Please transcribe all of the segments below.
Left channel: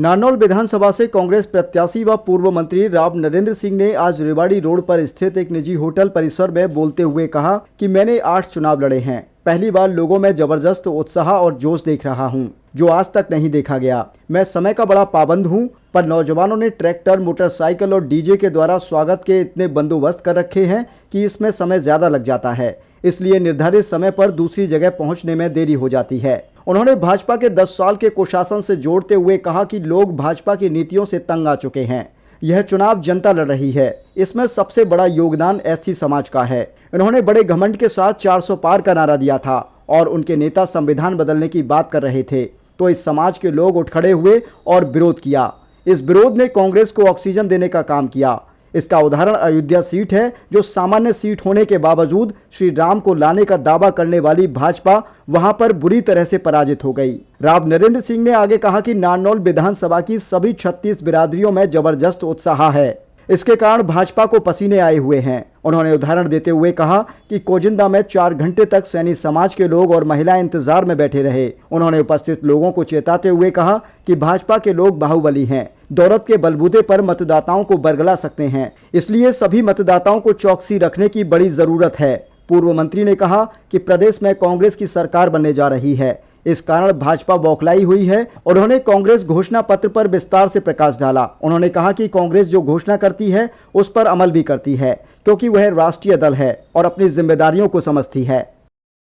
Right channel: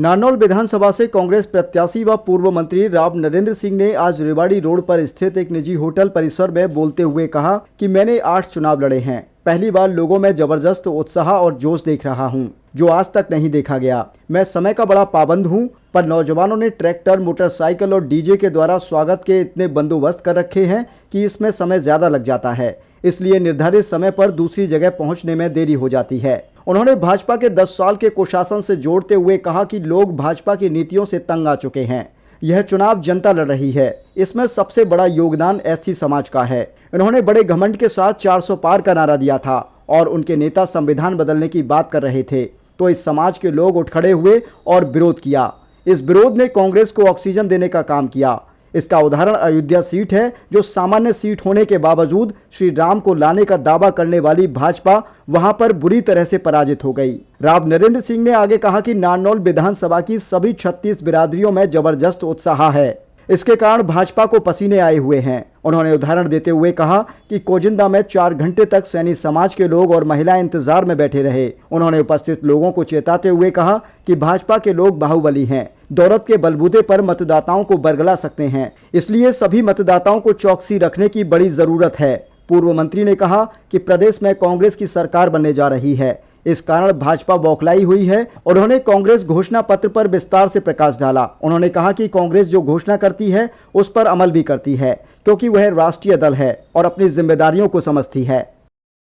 नारनौल विधानसभा से कांग्रेस प्रत्याशी व पूर्व मंत्री राव नरेंद्र सिंह ने आज रेवाड़ी रोड पर स्थित एक निजी होटल परिसर में बोलते हुए कहा कि मैंने 8 चुनाव लड़े हैं। पहली बार लोगों में जबरदस्त उत्साह और जोश देख रहा हूं, जो आज तक नहीं देखा गया। मैं समय का बड़ा पाबंद हूं, पर नौजवानों ने ट्रैक्टर, मोटरसाइकिल और डीजे के द्वारा स्वागत के इतने बंदोबस्त कर रखे हैं कि इसमें समय ज्यादा लग जाता है, इसलिए निर्धारित समय पर दूसरी जगह पहुंचने में देरी हो जाती है। उन्होंने भाजपा के 10 साल के कुशासन से जोड़ते हुए कहा कि लोग भाजपा की नीतियों से तंग आ चुके हैं। यह चुनाव जनता लड़ रही है, इसमें सबसे बड़ा योगदान एससी समाज का है। उन्होंने बड़े घमंड के साथ 400 पार का नारा दिया था और उनके नेता संविधान बदलने की बात कर रहे थे, तो इस समाज के लोग उठ खड़े हुए और विरोध किया। इस विरोध ने कांग्रेस को ऑक्सीजन देने का काम किया। इसका उदाहरण अयोध्या सीट है, जो सामान्य सीट होने के बावजूद श्री राम को लाने का दावा करने वाली भाजपा वहां पर बुरी तरह से पराजित हो गई। राव नरेंद्र सिंह ने आगे कहा कि नारनौल विधानसभा की सभी 36 बिरादरियों में जबरदस्त उत्साह है, इसके कारण भाजपा को पसीने आए हुए हैं। उन्होंने उदाहरण देते हुए कहा कि कोजिंदा में 4 घंटे तक सैनी समाज के लोग और महिलाएं इंतजार में बैठे रहे। उन्होंने उपस्थित लोगों को चेताते हुए कहा कि भाजपा के लोग बाहुबली हैं, दौलत के बलबूते पर मतदाताओं को बरगला सकते हैं, इसलिए सभी मतदाताओं को चौकसी रखने की बड़ी जरूरत है। पूर्व मंत्री ने कहा कि प्रदेश में कांग्रेस की सरकार बनने जा रही है, इस कारण भाजपा बौखलाई हुई है। उन्होंने कांग्रेस घोषणा पत्र पर विस्तार से प्रकाश डाला। उन्होंने कहा कि कांग्रेस जो घोषणा करती है उस पर अमल भी करती है, क्योंकि वह राष्ट्रीय दल है और अपनी जिम्मेदारियों को समझती है।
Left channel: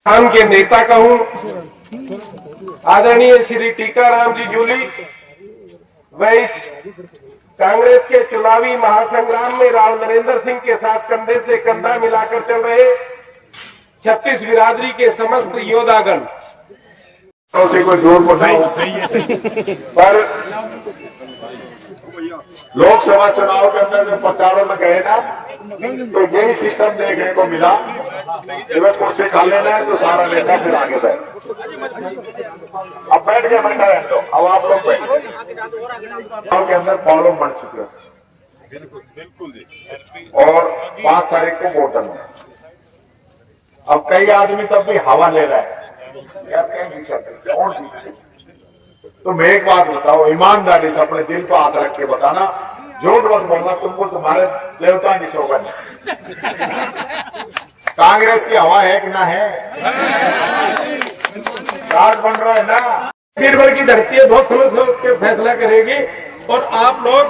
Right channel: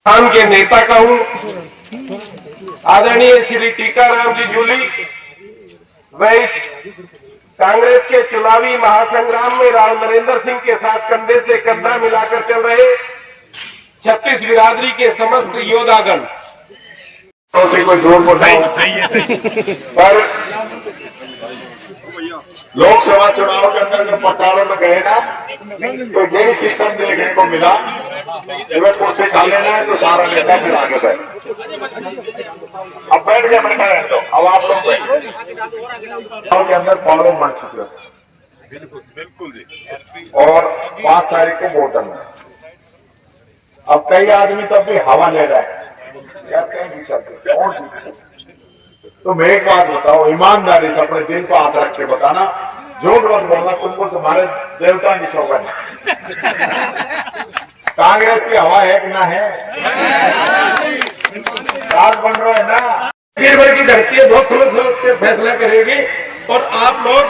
के नेता का हूँ आदरणीय श्री टीकाराम जी जूली, वह इस कांग्रेस के चुनावी महासंग्राम में राव नरेंद्र सिंह के साथ कंधे से कंधा मिलाकर चल रहे 36 बिरादरी के समस्त योद्धागण से कोई जोर सही है पर लोकसभा चुनाव के अंदर जो प्रचारों में गए ना, तो यही सिस्टम देखने को मिला। जब कुर्सी खा लेना है तो सारा नेता फिर आगे गए। अब बैठ के अपने अब आप लोग के अंदर प्रॉब्लम बढ़ चुकी है बिल्कुल, और 5 तारीख को वोट है। अब कई आदमी तब भी हवा ले रहा है यार, कहीं नहीं सकते कौन जीत सकते। तो मैं एक बात बताओ, ईमानदारी से अपने दिल को हाथ रख के बताना, झूठ मत बोलना, तुमको तुम्हारे देवता नहीं सोगा। कांग्रेस की हवा है कि ना है? राज बन रहा है ना, बीरबल की धरती है, बहुत समझ के फैसला करेगी। और आप लोग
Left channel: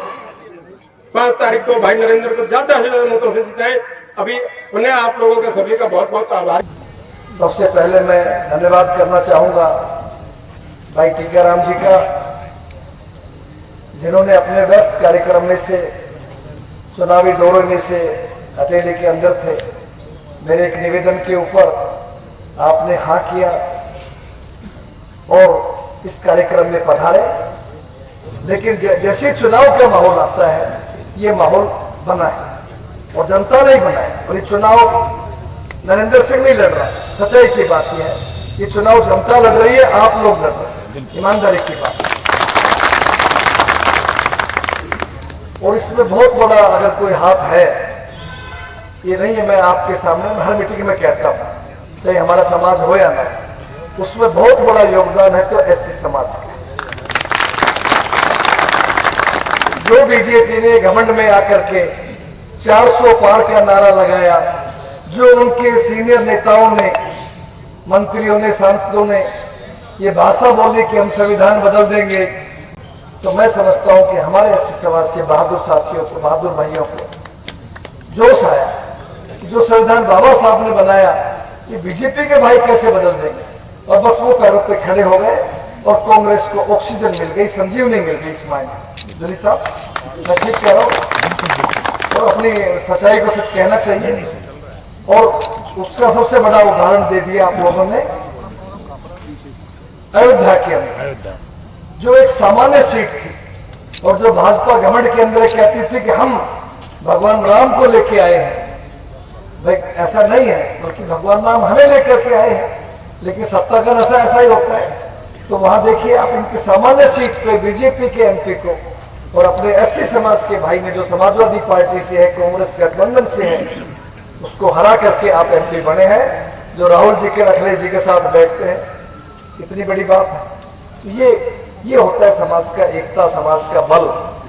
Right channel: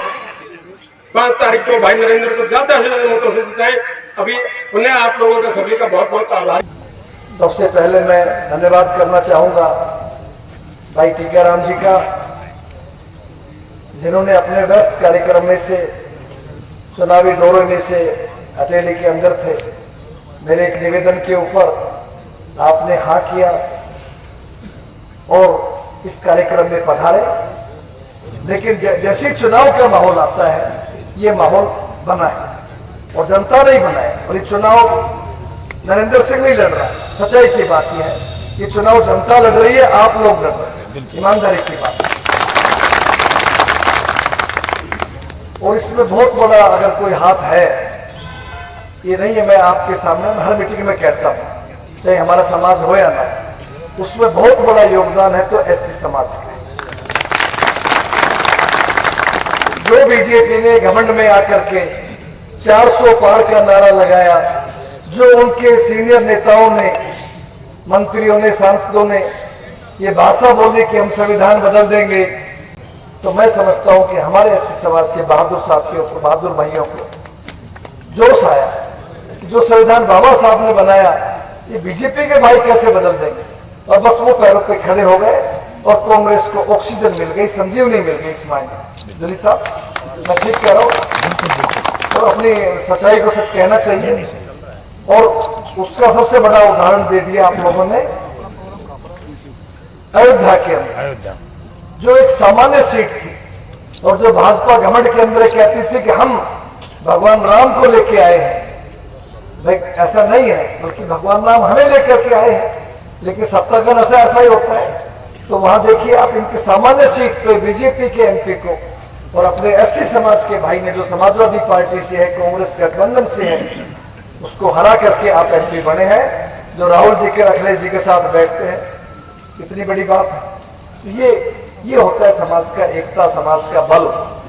5 तारीख को भाई नरेंद्र को ज्यादा से ज्यादा मतों से जिताए। अभी उन्हें आप लोगों का सभी का बहुत बहुत आभार। सबसे पहले मैं धन्यवाद करना चाहूंगा भाई टीकाराम जी का, जिन्होंने अपने व्यस्त कार्यक्रम में से, चुनावी दौरे में से हथेली के अंदर थे। मेरे एक निवेदन के ऊपर आपने हाँ किया और इस कार्यक्रम में पधारे। लेकिन जैसे चुनाव का माहौल आता है, ये माहौल बना है और जनता नहीं बना है। और ये चुनाव नरेंद्र सिंह नहीं लड़ रहा है, सच्चाई की बात यह है कि चुनाव जनता लड़ रही है, आप लोग लड़ रहे हैं, ईमानदारी की बात। और इसमें बहुत बड़ा अगर कोई हाथ है, ये नहीं है, मैं आपके सामने हर मीटिंग में कहता हूं, चाहे हमारा समाज हो या ना, उसमें बहुत बड़ा योगदान है तो एससी समाज का। जो बीजेपी ने घमंड में आकर के 400 पार का नारा लगाया, जो उनके सीनियर नेताओं ने, मंत्रियों ने, सांसदों ने ये भाषा बोली कि हम संविधान बदल देंगे, तो मैं समझता हूं कि हमारे एससी समाज के बहादुर साथियों को, बहादुर भाइयों को जोश आया कि जो संविधान बाबा साहब ने बनाया, ये बीजेपी के भाई कैसे बदल देंगे। और बस वो पैरों पे खड़े हो गए और कांग्रेस को ऑक्सीजन मिल गई, संजीवनी मिल गई। इस मायने जोली साहब, मैं ठीक कह रहा हूं, तो अपनी सच्चाई को सच कहना चाहिए। और उसका सबसे बड़ा उदाहरण दे दिया आप लोगों ने अयोध्या के अंदर, जो एक सामान्य सीट थी और जो भाजपा घमंड के अंदर कहती थी कि हम भगवान राम को लेके आए हैं। भाई ऐसा नहीं है, बल्कि भगवान राम हमें लेकर के आए हैं, लेकिन सत्ता का नशा ऐसा ही होता है। तो वहां देखिए आप, इनकी सामान्य सीट पे बीजेपी के एमपी को और अपने एससी समाज के भाई ने, जो समाजवादी पार्टी से है, कांग्रेस गठबंधन से है, उसको हरा करके आप एमपी बने हैं, जो राहुल जी के, अखिलेश जी के साथ बैठते हैं। इतनी बड़ी बात है। तो ये ये होता है समाज का एकता, समाज का बल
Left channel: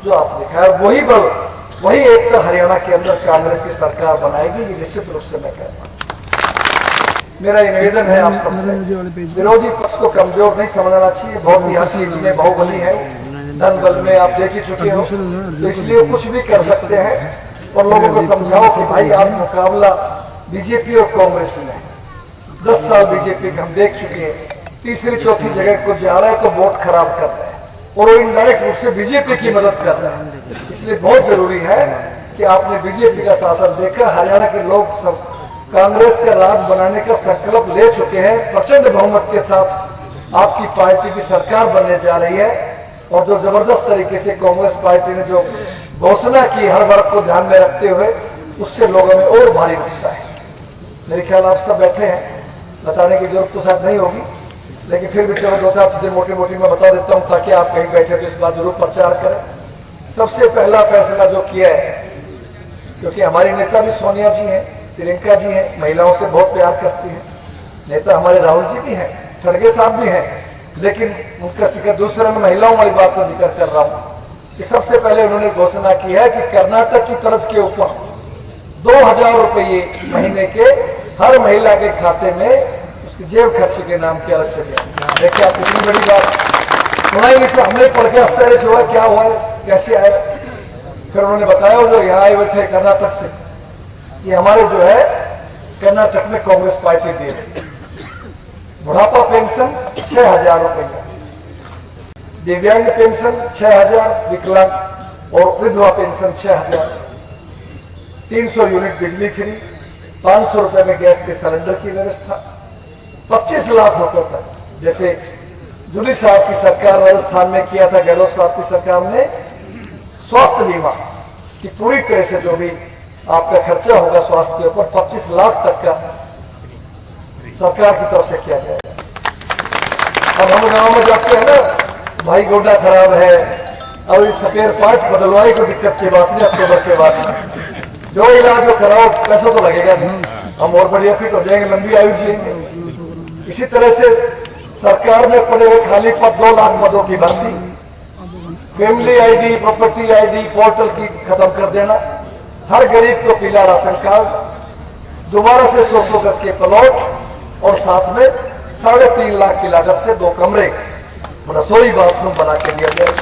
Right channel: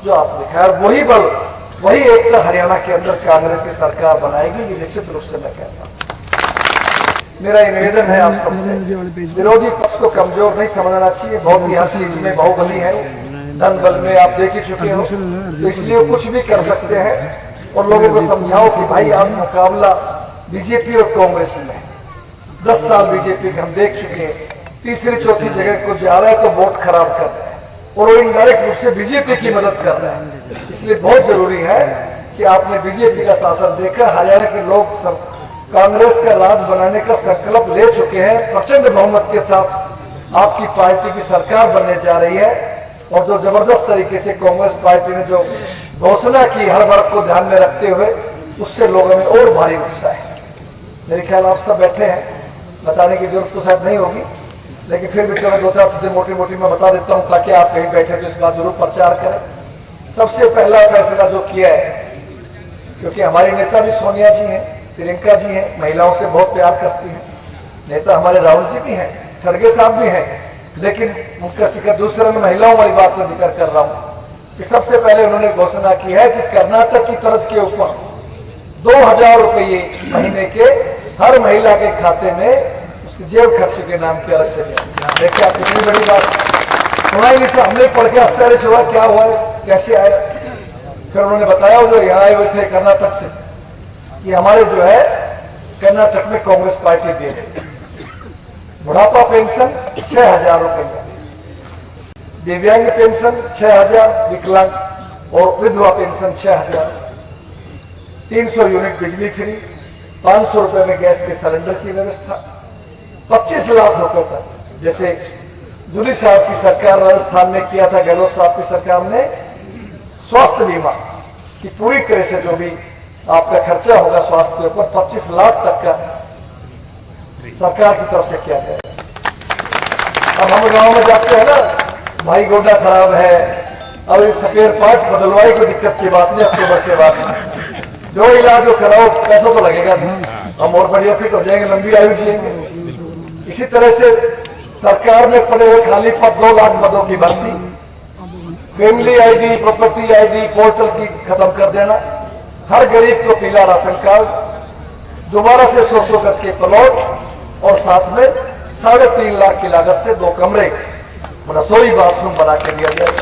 जो आपने दिखाया। वही बल, वही एकता हरियाणा के अंदर कांग्रेस की सरकार बनाएगी, ये निश्चित रूप से मैं कहता हूं। मेरा ये निवेदन है आप सबसे, विरोधी पक्ष को कमजोर नहीं समझना चाहिए। बहुत ही हर चीज में बाहुबली है, धन बल में आप देख ही चुके हो, तो इसलिए वो कुछ भी कर सकते हैं। और लोगों को समझाओ कि भाई आज मुकाबला बीजेपी और कांग्रेस में है। 10 साल बीजेपी हम देख चुके हैं, तीसरी चौथी जगह को जा रहा है तो वोट खराब कर रहे हैं और वो इनडायरेक्ट रूप से बीजेपी की मदद कर रहे हैं। इसलिए बहुत जरूरी है कि आपने बीजेपी का शासन देखकर हरियाणा के लोग सब कांग्रेस का राज बनाने का संकल्प ले चुके हैं। प्रचंड बहुमत के साथ आपकी पार्टी की सरकार बनने जा रही है और जो जबरदस्त तरीके से कांग्रेस पार्टी ने जो घोषणा की हर वर्ग को ध्यान में रखते हुए, उससे लोगों में और भारी उत्साह है। मेरे ख्याल आप सब बैठे हैं, बताने की जरूरत तो शायद नहीं होगी, लेकिन फिर भी चलो 2-4 चीजें मोटी मोटी मैं बता देता हूं ताकि आप कहीं बैठे तो इस बात जरूर प्रचार करें। सबसे पहला फैसला जो किया है, क्योंकि हमारी नेता भी सोनिया जी हैं, प्रियंका जी हैं, महिलाओं से बहुत प्यार करती हैं, नेता हमारे राहुल जी भी हैं, खड़गे साहब भी हैं, लेकिन उनका जिक्र दूसरे में महिलाओं वाली बात का जिक्र कर रहा हूं कि सबसे पहले उन्होंने घोषणा की है कि कर्नाटक की तर्ज के ऊपर 2000 रुपये महीने के हर महिला के खाते में उसके जेब खर्च के नाम के अलग से देखिए। आप इतनी बड़ी बात सुनाई नहीं तो हमने पढ़ के आश्चर्य हुआ, क्या हुआ, कैसे आए। फिर उन्होंने बताया जो यहाँ आए हुए थे कर्नाटक से, ये हमारे जो है कर्नाटक में कांग्रेस पार्टी दे रही। बुढ़ापा पेंशन 6000 रुपये, दिव्यांग पेंशन 6000, विकलांग और विधवा पेंशन 6000, 300 यूनिट बिजली फ्री, 500 रुपए में गैस के सिलेंडर की व्यवस्था, 25 लाख रुपए तक। जैसे जूली साहब की सरकार राजस्थान में किया था, गहलोत साहब की सरकार ने स्वास्थ्य बीमा की पूरी तरह से जो भी आपका खर्चा होगा स्वास्थ्य के ऊपर 25 लाख तक का सरकार की तरफ से किया जाएगा। और हम गांव में जाते हैं ना, भाई गोड्डा खराब है और ये स्पेयर पार्ट बदलवाई कोई दिक्कत की बात नहीं, अक्टूबर के बाद जो इलाज जो कराओ पैसा तो लगेगा नहीं, हम और बढ़िया फिट हो जाएंगे, लंबी आयु जिएंगे। इसी तरह से सरकार ने पड़े हुए खाली पद 2 लाख पदों की भर्ती, family ID, property ID portal की खत्म कर देना, हर गरीब को पीला राशन कार्ड, दोबारा से 100 गज के प्लॉट और साथ में 3.5 लाख की लागत से 2 कमरे रसोई बाथरूम बना के दिया जाए।